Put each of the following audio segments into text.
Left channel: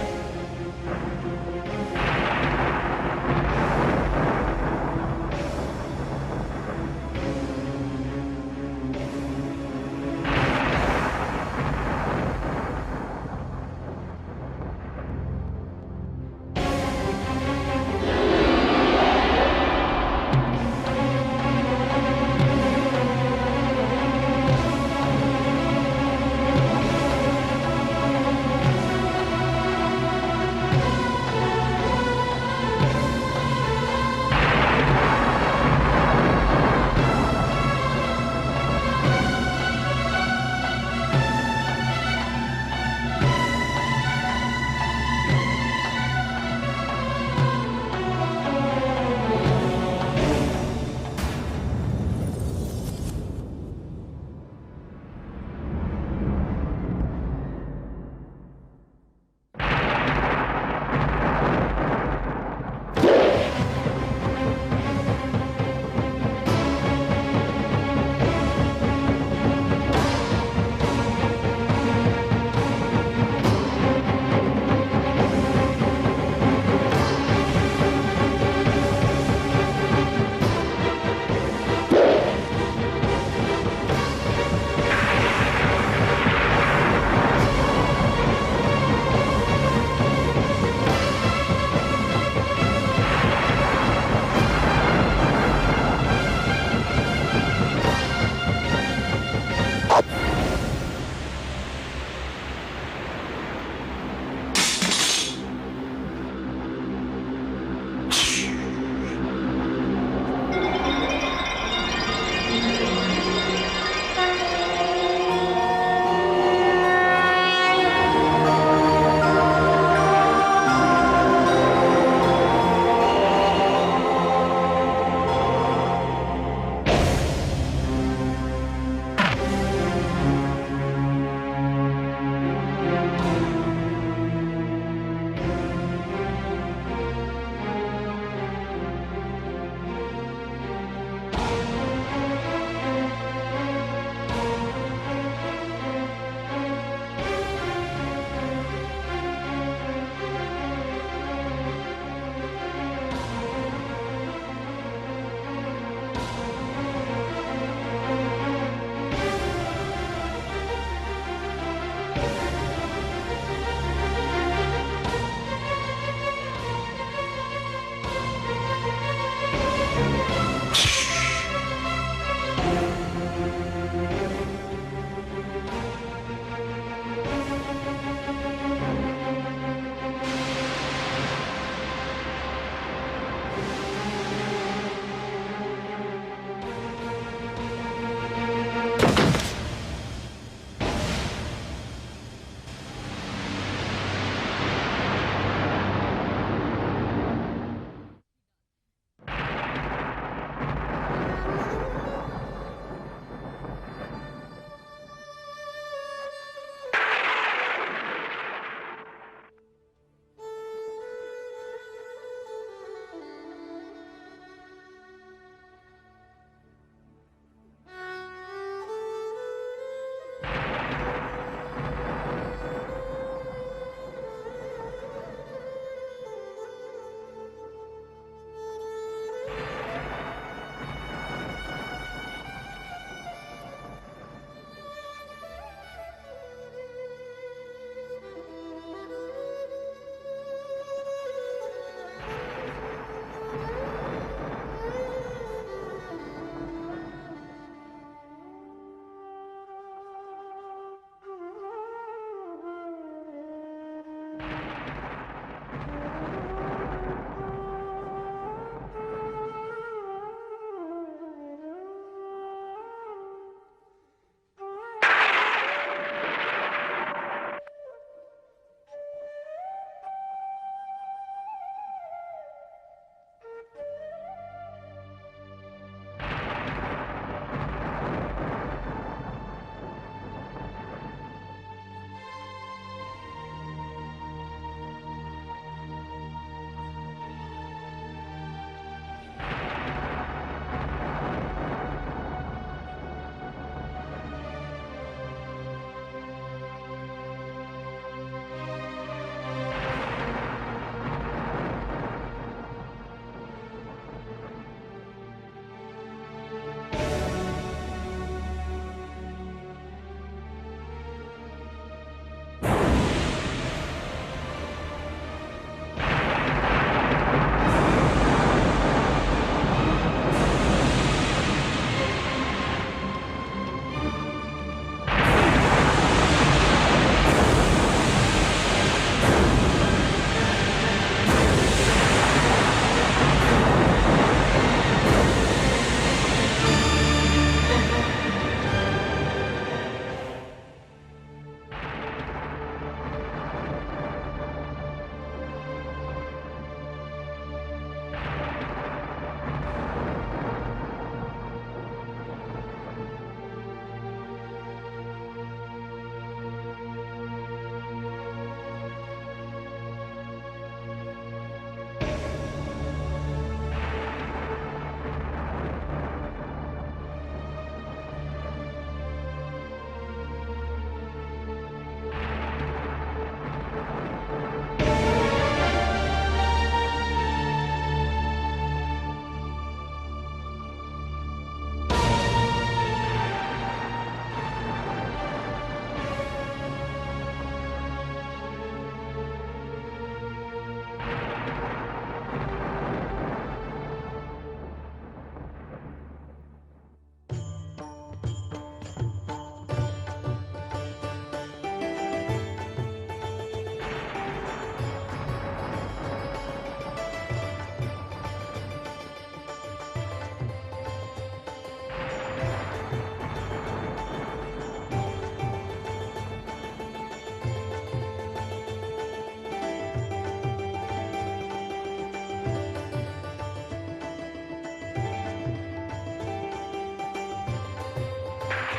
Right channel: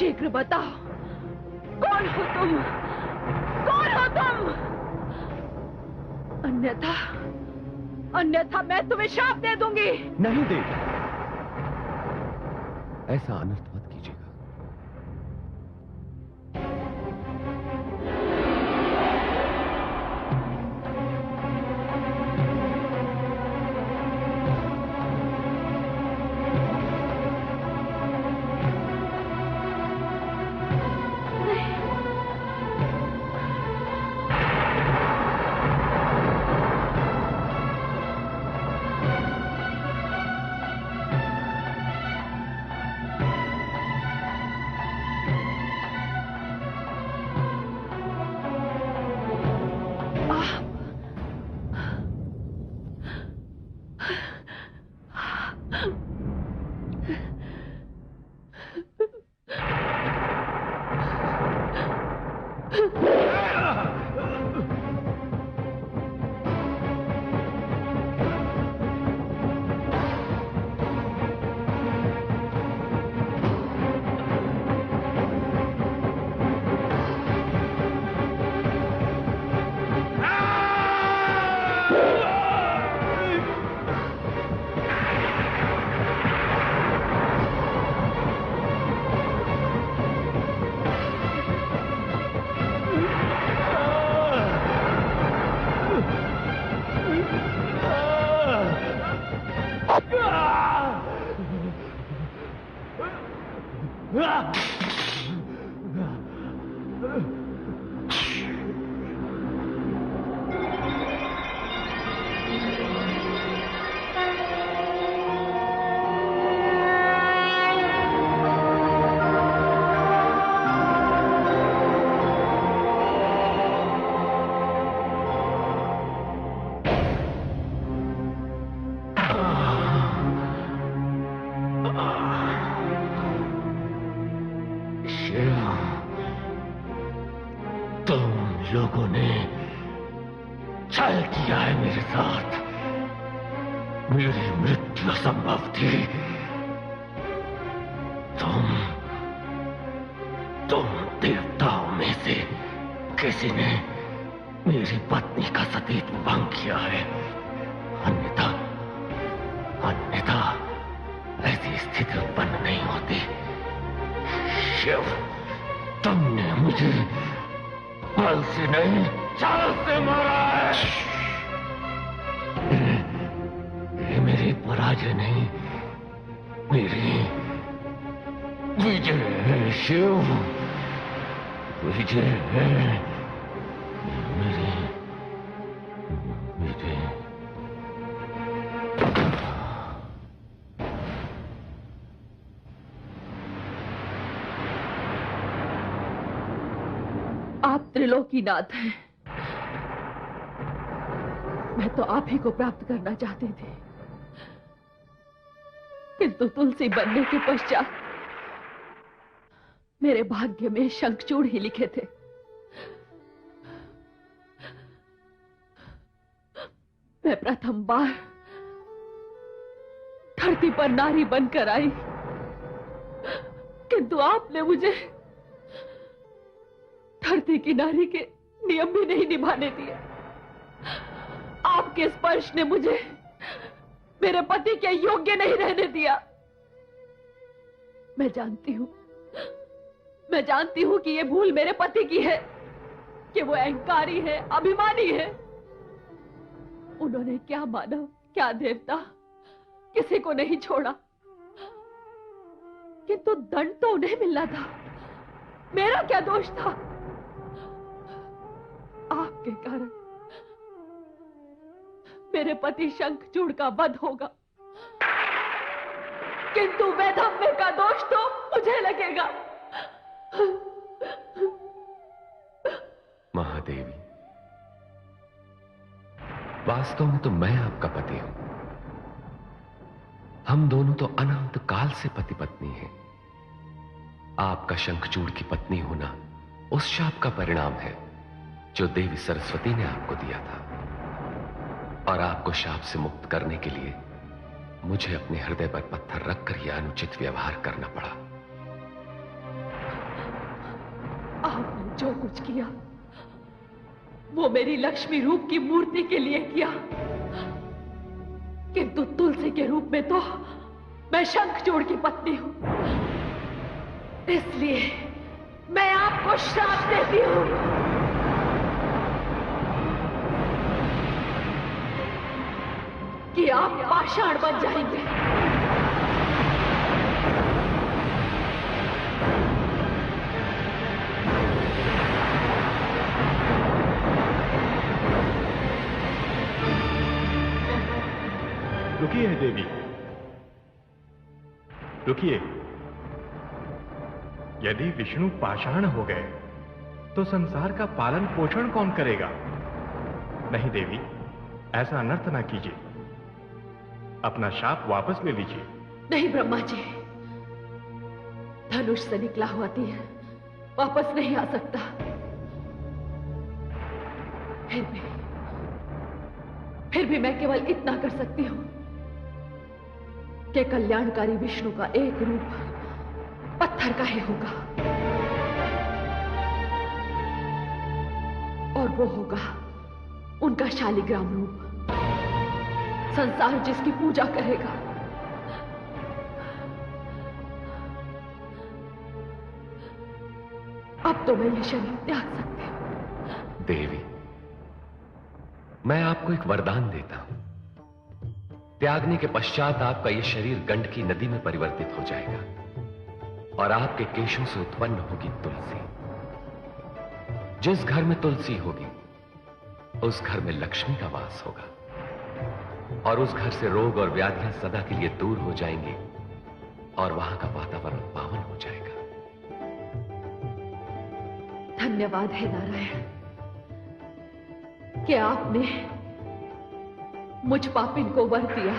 शीघ्र बताओ, कौन हो तुम? कौन हो तुम? अन्यथा मैं तुम्हें शाप दे दूंगी। नहीं, ऐसा अनर्थ कीजिए। त्रिलोकीनाथ है। मैं तो आप ही को प्राप्त करना चाहती थी, किंतु तुलसी बनने के पश्चात मेरे भाग्य में शंखचूड़ ही लिखे थे। मैं प्रथम बार धरती पर नारी बनकर आई, किंतु आपने मुझे धरती की नारी के नियम भी नहीं निभाने दिए। आपके स्पर्श ने मुझे मेरे पति के योग्य नहीं रहने दिया। मैं जानती हूं कि ये भूल मेरे पति की है, कि वो अहंकारी है, अभिमानी है। उन्होंने क्या मानव, क्या देवता, किसी को नहीं छोड़ा, किंतु दंड तो उन्हें मिलना था। मेरा क्या दोष था? आपके कारण मेरे पति शंखचूड़ का वध होगा, किंतु वैधव्य का दोष तो मुझे लगेगा। महादेवी, वास्तव में तो मैं आपका पति हूं। हम दोनों तो अनंत काल से पति पत्नी हैं। आपका शंखचूड़ की पत्नी होना उस शाप का परिणाम है जो देवी सरस्वती ने आपको दिया था, और आपको शाप से मुक्त करने के लिए मुझे अपने हृदय पर पत्थर रखकर यह अनुचित व्यवहार करना पड़ा। कुछ किया वो मेरी लक्ष्मी रूप की मूर्ति के लिए किया, किंतु तुलसी के रूप में तो मैं शंखचूड़ की पत्नी हूं। इसलिए मैं आपको श्राप देती हूं कि आप पाषाण बन जाएंगे। रुकिए देवी, रुकिए। यदि विष्णु पाषाण हो गए तो संसार का पालन पोषण कौन करेगा? नहीं देवी, ऐसा अनर्थ ना कीजिए। अपना शाप वापस ले लीजिए। नहीं ब्रह्मा जी, धनुष से निकला हुआ तीर वापस नहीं आ सकता। फिर भी मैं केवल इतना कर सकती हूं कि कल्याणकारी विष्णु का एक रूप पत्थर का ही होगा, और वो होगा उनका शालिग्राम रूप, संसार जिसकी पूजा करेगा। अब तो मैं शरीर त्याग सकती हूं। देवी, मैं आपको एक वरदान देता हूं। त्यागने के पश्चात आपका यह शरीर गंडकी नदी में परिवर्तित हो जाएगा और आपके केशों से उत्पन्न होगी तुलसी। जिस घर में तुलसी होगी उस घर में लक्ष्मी का वास होगा और उस घर से रोग और व्याधियां सदा के लिए दूर हो जाएंगी और वहां का वातावरण पावन हो जाएगा। धन्यवाद है नारायण कि आपने मुझ पापिन को वर दिया।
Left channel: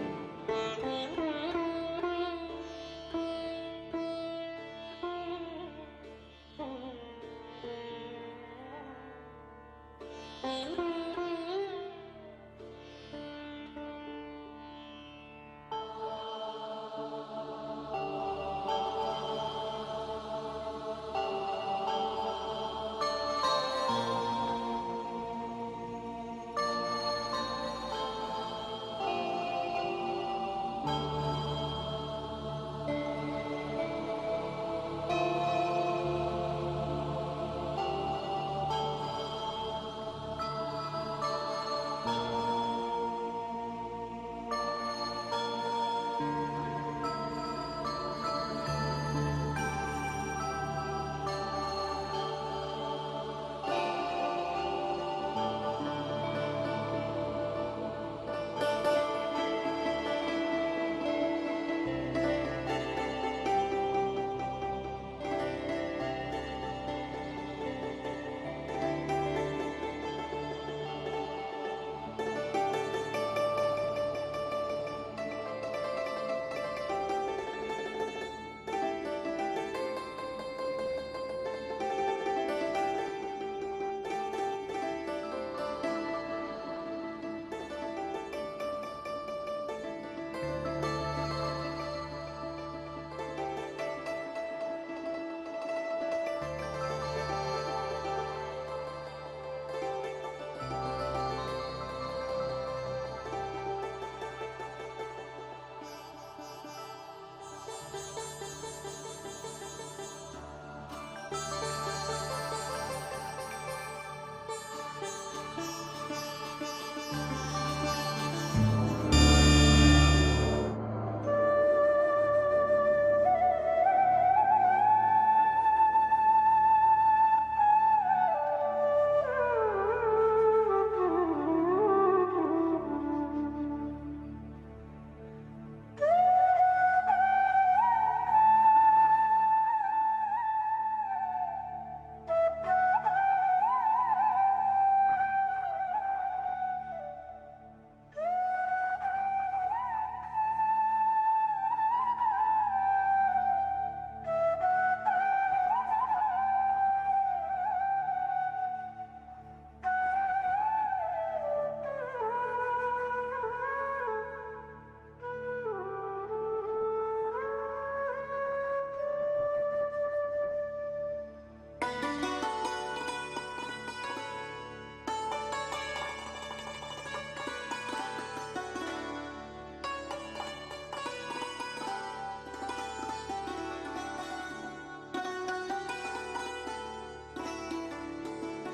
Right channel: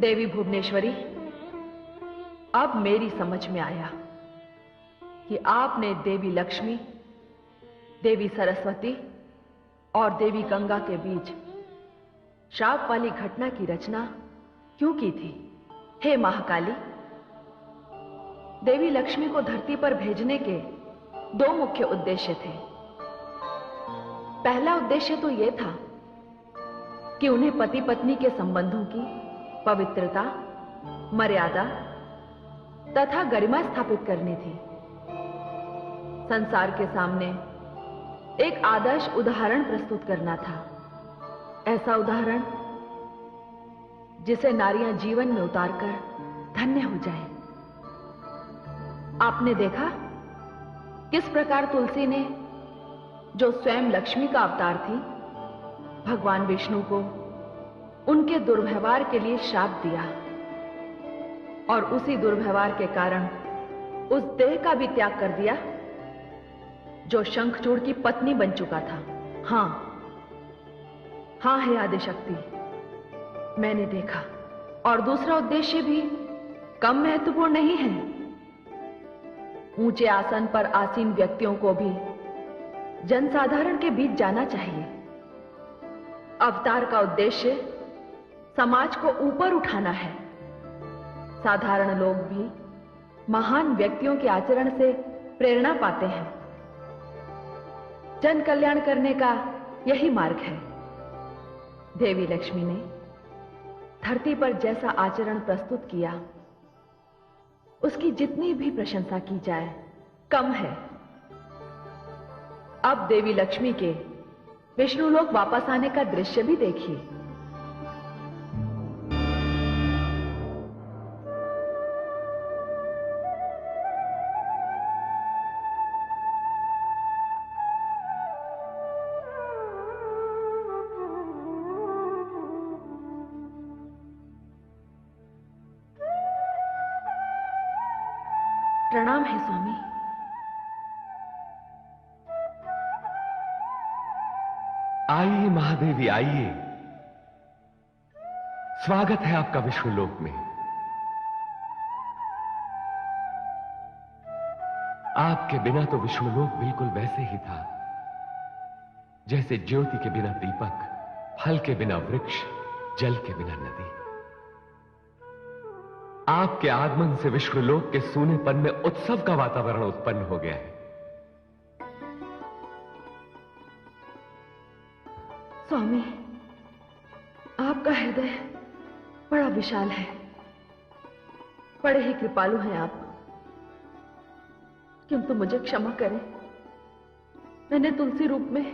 देवी भुवनेश्वरी, अब मेरी समझ में आया कि आपने देवी लक्ष्मी, देवी सरस्वती और देवी गंगा के बीच श्राप वाली घटना की रचना क्यों की थी। हे महाकाली, देवी लक्ष्मी को धरती पर भेजने के दो मुख्य उद्देश्य थे। पहला उद्देश्य तो यह था कि उन्हें पति पत्नी के संबंधों की पवित्रता, मर्यादा तथा गरिमा स्थापित करनी थी। संसार के सामने एक आदर्श उदाहरण प्रस्तुत करना था, ऐसा उदाहरण जिसे नारियां जीवन में उतारकर धन्य हो जाए। आपने देखा किस प्रकार तुलसी ने, जो स्वयं लक्ष्मी का अवतार थी, भगवान विष्णु को उनके दुर्व्यवहार के लिए श्राप दिया और उसी दुर्व्यवहार के कारण उस देह का भी त्याग कर दिया जो शंखचूड़ की पत्नी बन चुका था। हाँ हाँ है आदिशक्ति, मैंने देखा। और दूसरा उद्देश्य भी कम महत्वपूर्ण नहीं है। ऊंचे आसन पर आसीन व्यक्तियों को भी जनसाधारण के बीच जाना चाहिए। अवतार का उद्देश्य समाज को ऊपर उठाना है। साधारण लोग भी महान व्यक्तियों के आचरण से प्रेरणा पाते हैं। जन कल्याण करने का यही मार्ग है। देवी लक्ष्मी ने धरती पर जैसा आचरण प्रस्तुत किया, उसकी जितनी भी प्रशंसा की जाए कम है। अब देवी लक्ष्मी के विष्णुलोक वापस आने का दृश्य भी देखिए। प्रणाम है स्वामी। आइए महादेवी आइए, स्वागत है आपका विष्णुलोक में। आपके बिना तो विष्णुलोक बिल्कुल वैसे ही था जैसे ज्योति के बिना दीपक, फल के बिना वृक्ष, जल के बिना नदी। आपके आगमन से विष्णुलोक के सूनेपन में उत्सव का वातावरण उत्पन्न हो गया है। स्वामी, आपका हृदय बड़ा विशाल है, बड़े ही कृपालु हैं आप। किंतु मुझे क्षमा करें, मैंने तुलसी रूप में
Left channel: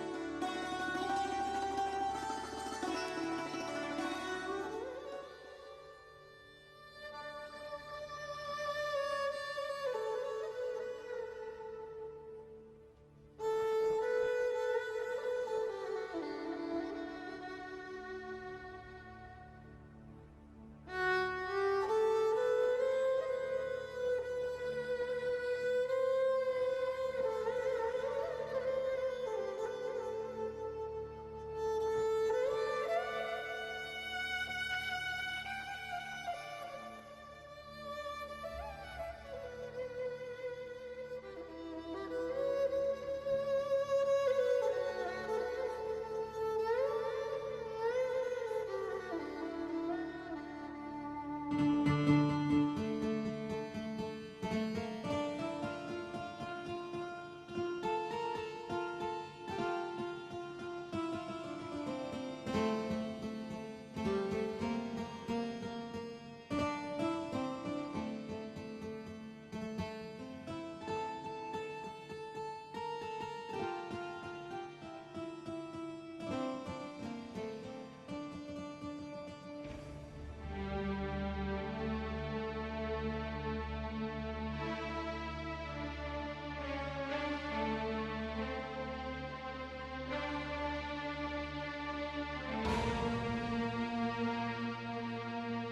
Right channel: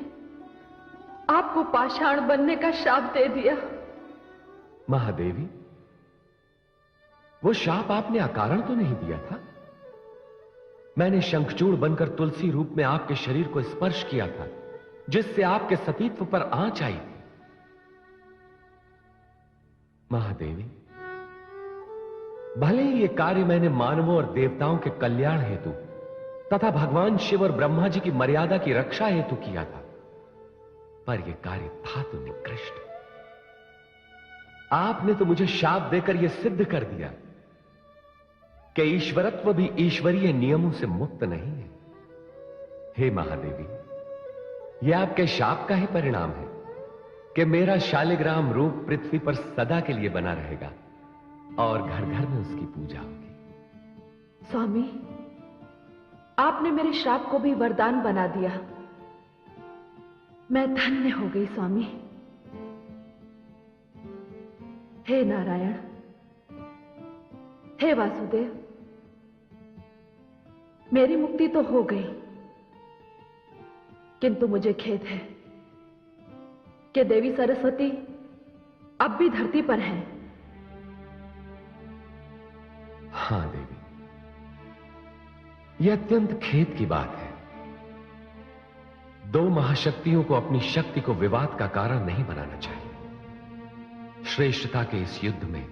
आपको पाषाण बनने का शाप दे दिया। महादेवी, वो शाप आपने अकारण तो नहीं दिया था। मैंने शंखचूड़ बनकर तुलसी रूप में आपके शरीर को स्पर्श किया था, जिससे आपके सतीत्व पर आंच आई थी। महादेवी, भले ही ये कार्य मैंने मानवों और देवताओं के कल्याण हेतु तथा भगवान शिव और ब्रह्मा जी की मर्यादा की रक्षा हेतु किया था, पर यह कार्य था तो निकृष्ट। आपने तो मुझे शाप देकर यह सिद्ध कर दिया कि ईश्वरत्व भी ईश्वरीय नियमों से मुक्त नहीं है। हे महादेवी, यह आपके शाप का ही परिणाम है कि मेरा शालिग्राम रूप पृथ्वी पर सदा के लिए बना रहेगा और घर घर में उसकी पूजा होगी। स्वामी, आपने मेरे श्राप को भी वरदान बना दिया। मैं धन्य हो गई स्वामी। हे नारायण, हे वासुदेव, मेरी मुक्ति तो हो गई, किंतु मुझे खेद है कि देवी सरस्वती अब भी धरती पर हैं। हां देवी, यह अत्यंत खेद की बात है। दो महाशक्तियों को अपनी शक्ति को विवाद का कारण नहीं बनाना चाहिए। श्रेष्ठता के इस युद्ध में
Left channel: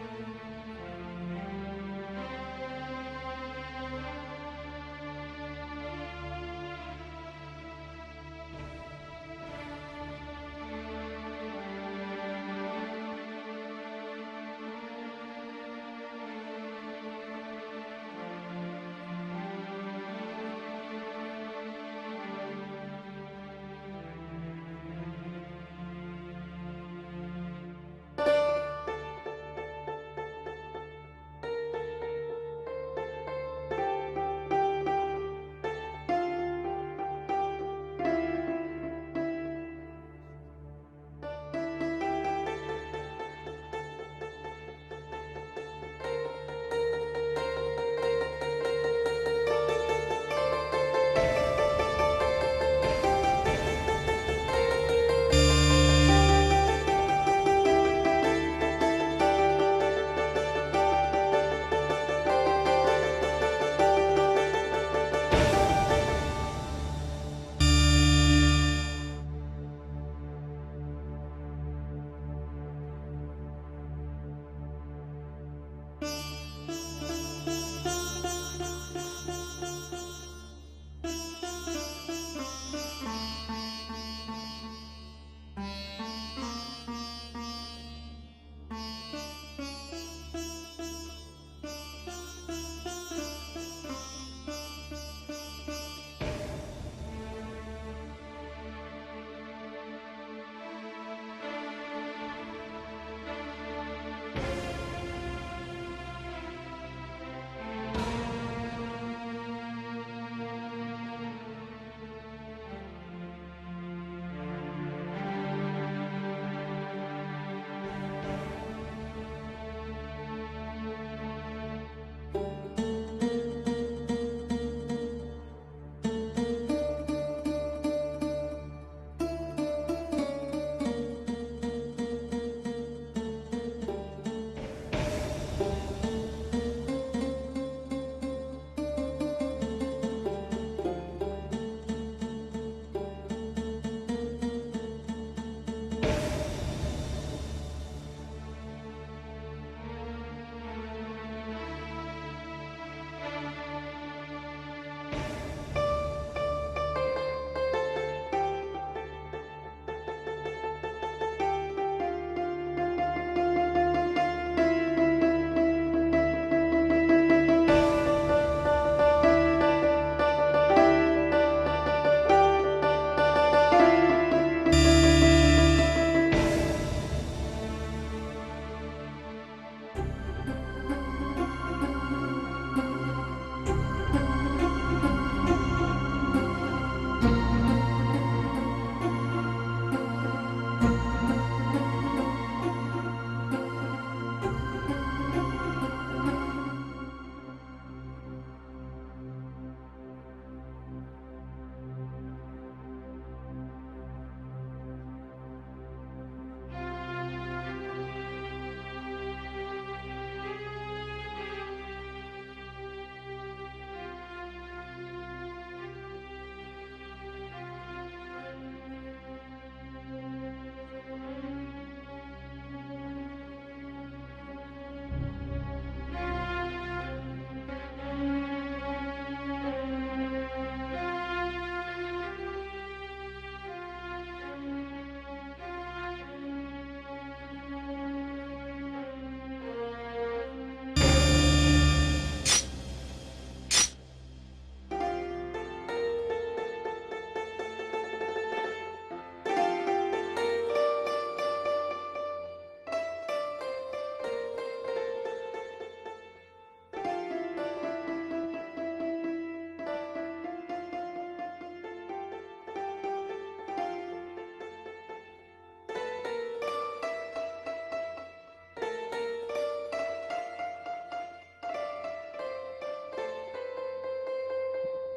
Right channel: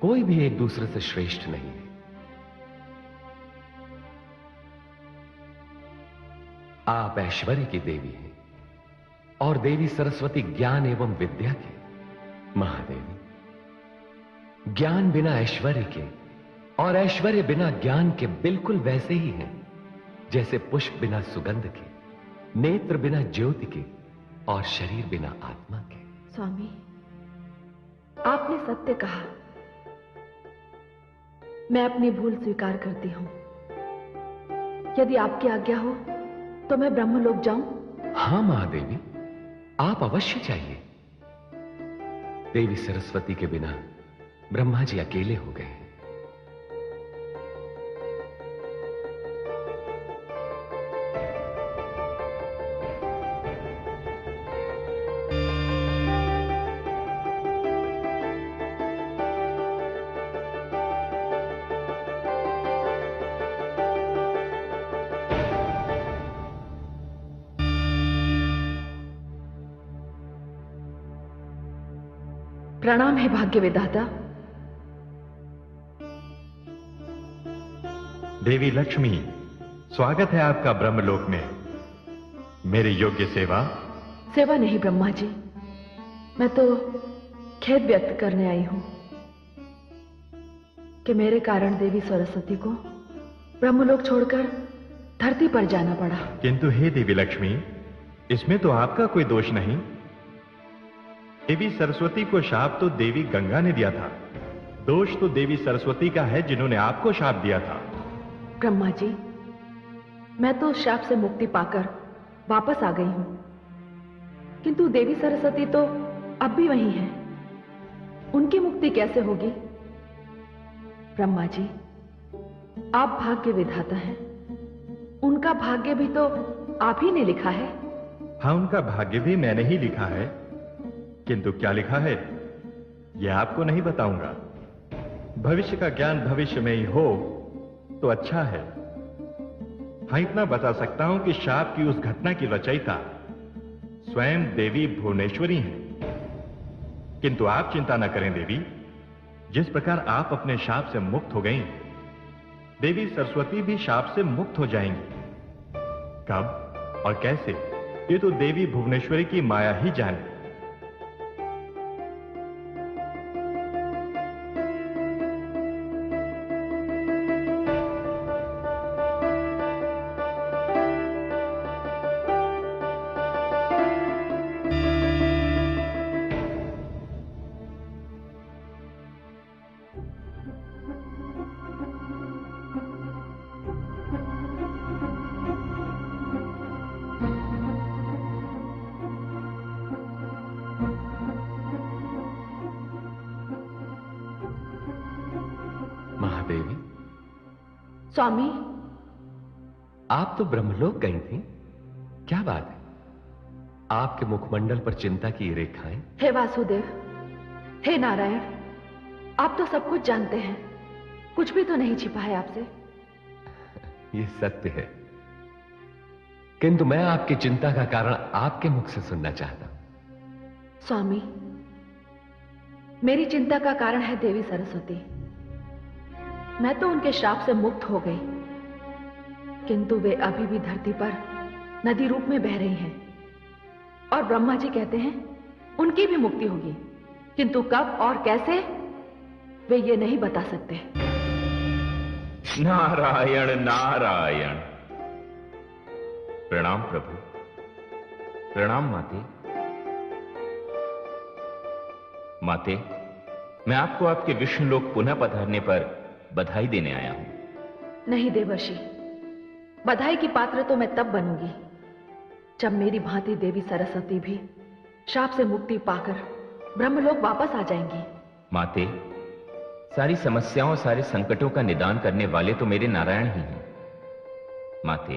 कोई भी एक दूसरे से श्रेष्ठ नहीं। आप ऐश्वर्य की देवी हैं और देवी सरस्वती ज्ञान एवं विद्या की। महादेवी, ज्ञान बिना ऐश्वर्य के और ऐश्वर्य बिना ज्ञान के बिल्कुल वैसे ही हैं जैसे पुष्प बिना सुगंध के, नेत्र बिना ज्योति के और शरीर बिना आत्मा के। स्वामी, आपने सत्य कहा। मैं अपनी भूल स्वीकार करती हूं। यदि आपकी आज्ञा हो तो मैं ब्रह्मलोक जाऊं? हां महादेवी, आप अवश्य चाहिए। देवी सरस्वती के बिना ब्रह्मा जी अकेले हो गए। प्रणाम है भाग्य विधाता। देवी लक्ष्मी, स्वागत है आपका ब्रह्मलोक में। मेरी योग्य सेवा? सेवा नहीं ब्रह्मा जी, मैं तो खेद व्यक्त करने आई हूं कि मेरे कारण देवी सरस्वती को ब्रह्मलोक छोड़कर धरती पर जाना पड़ा। किंतु हे देवी लक्ष्मी, इसमें तो आपका कोई दोष नहीं। देवी सरस्वती को शाप तो देवी गंगा ने दिया था। दोष तो देवी सरस्वती का है जिन्होंने आपको शाप दिया था। ब्रह्मा जी, मैं तो उस शाप से मुक्ति पाकर वापस आ गई हूं, किंतु देवी सरस्वती तो अब भी वही है। उनकी मुक्ति कैसे होगी? ब्रह्मा जी, आप भाग्य विधाता हैं, उनका भाग्य भी तो आप ही ने लिखा है। हाँ, उनका भाग्य भी मैंने ही लिखा है, किंतु क्या लिखा है यह आपको नहीं बताऊंगा। भविष्य का ज्ञान भविष्य में ही हो तो अच्छा है। हाँ, इतना बता सकता हूं कि शाप की उस घटना की रचयिता स्वयं देवी भुवनेश्वरी हैं। किंतु आप चिंता न करें देवी, जिस प्रकार आप अपने शाप से मुक्त हो गई, देवी सरस्वती भी शाप से मुक्त हो जाएंगी। कब और कैसे, ये तो देवी भुवनेश्वरी की माया ही जाने। स्वामी, आप तो ब्रह्मलोक गई थी, क्या बात है? आपके मुखमंडल पर चिंता की रेखाएं। हे वासुदेव, हे नारायण, आप तो सब कुछ जानते हैं, कुछ भी तो नहीं छिपा है आपसे। ये सत्य है, किंतु मैं आपकी चिंता का कारण आपके मुख से सुनना चाहता हूं। स्वामी, मेरी चिंता का कारण है देवी सरस्वती। मैं तो उनके श्राप से मुक्त हो गई, किंतु वे अभी भी धरती पर नदी रूप में बह रही हैं, और ब्रह्मा जी कहते हैं उनकी भी मुक्ति होगी, किंतु कब और कैसे वे ये नहीं बता सकते। नारायण नारायण। प्रणाम प्रभु। प्रणाम माते। माते, मैं आपको आपके विष्णु लोक पुनः पधारने पर बधाई देने आया हूं। नहीं देवर्षि, बधाई की पात्र तो मैं तब बनूंगी जब मेरी भांति देवी सरस्वती भी शाप से मुक्ति पाकर ब्रह्मलोक वापस आ जाएंगी। माते, सारी समस्याओं, सारे संकटों का निदान करने वाले तो मेरे नारायण ही हैं। माते,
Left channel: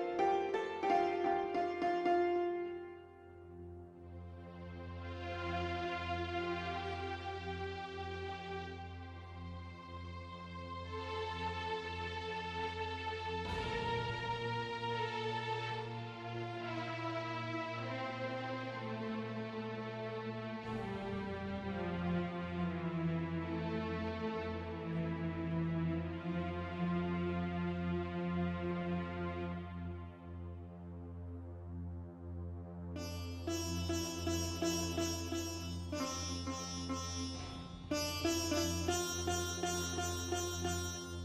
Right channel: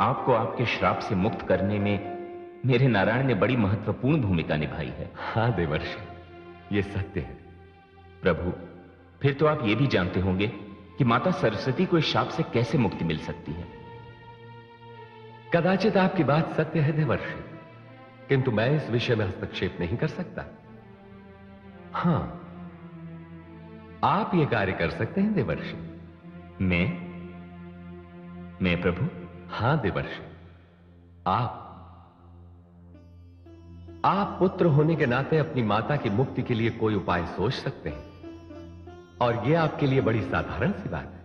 आपको आपके श्राप से मुक्त करने में मेरे नारायण ने बड़ी महत्वपूर्ण भूमिका निभाई है। हाँ देवर्षि, ये सत्य है। प्रभु, फिर तो आप ये भी जानते होंगे कि माता सरस्वती को इस शाप से कैसे मुक्ति मिल सकती है। कदाचित आपकी बात सत्य है देवर्षि, किंतु मैं इस विषय में हस्तक्षेप नहीं कर सकता। हां, आप ये कार्य कर सकते हैं देवर्षि। मैं प्रभु? हां देवर्षि, आप पुत्र होने के नाते अपनी माता की मुक्ति के लिए कोई उपाय सोच सकते हैं, और यह आपके लिए बड़ी साधारण सी बात है।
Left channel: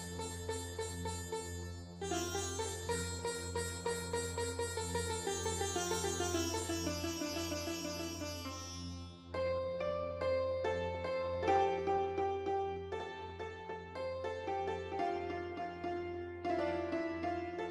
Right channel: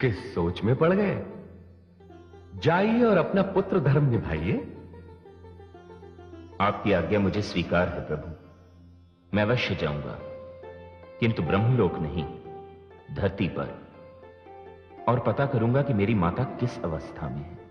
किस सोच में पड़ गए? जाइए और अपना पुत्र धर्म निभाइए। आपकी आज्ञा मुझे स्वीकार है प्रभु, मैं अवश्य जाऊंगा, किंतु ब्रह्मलोक नहीं, धरती पर, और पता करूंगा कि मेरी माता किस अवस्था में है।